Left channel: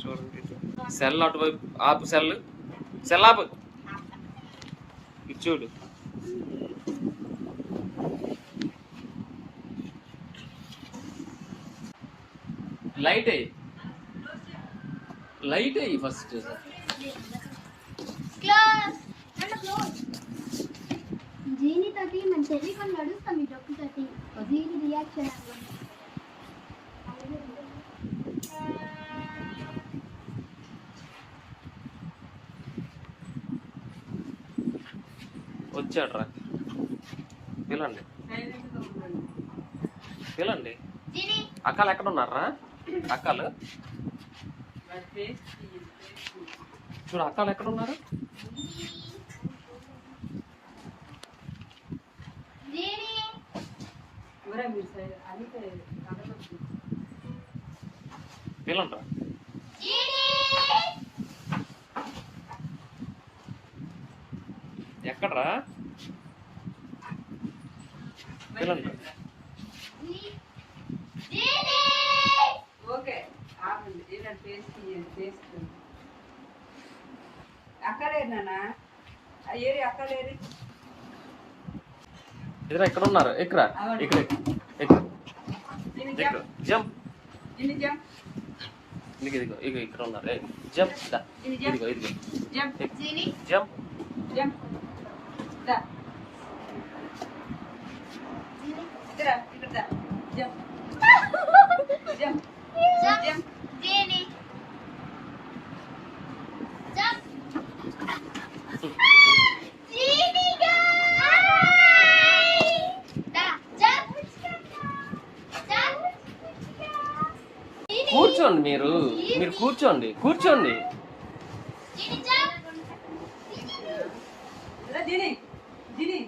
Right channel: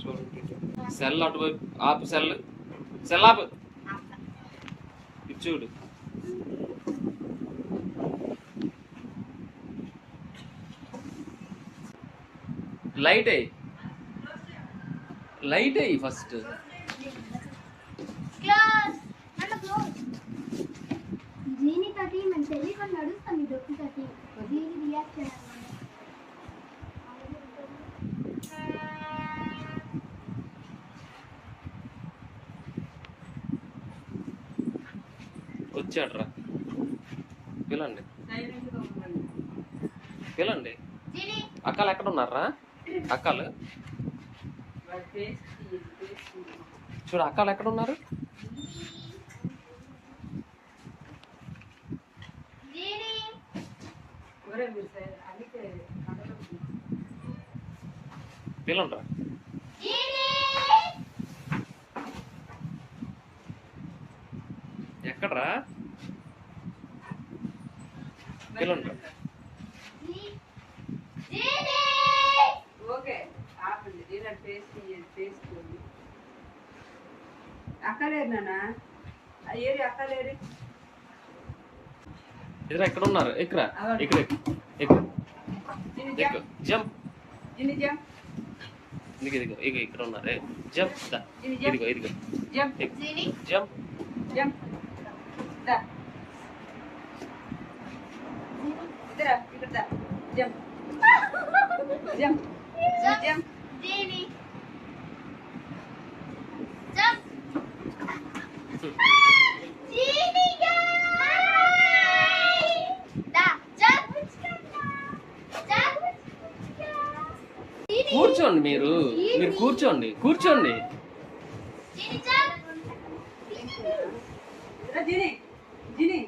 చూడండి సెల్ అటువైపు ఆపు, సెల్ ఆపు, చూడు. లైట్ అయ్యి ఫస్ట్. జీని తోటి మన టెలిఫోన్ నడుస్తుంది డొక్కు తోటి జీని రియాక్షన్ వచ్చాడ్రా, పిలండి పిలండి. అక్కలు ఎక్కడ ఉన్నారా? అక్కలు చూడు, అక్కలు ఎక్కడ ఉన్నారు? పిలండ్రా. ఎక్కడ్రా? పిలండ్రా. అక్కలేరు నాన్న, ఏరి అక్కలేరు. ఎదురా ఎక్కడ ఉన్నారు? ఇక్కడ ఇక్కడ ఎక్కు ఎక్కు, జంప్. ఇదిగో ఇగో ఇక్కడ ఉన్నారు. జంప్, ఇదిగో ఇదిగో, జంప్ జంప్ జంప్. ఇక్కడ జంప్ జంప్ జంప్. కూర్చోండి, మీరు కూర్చోండి. జిని జిని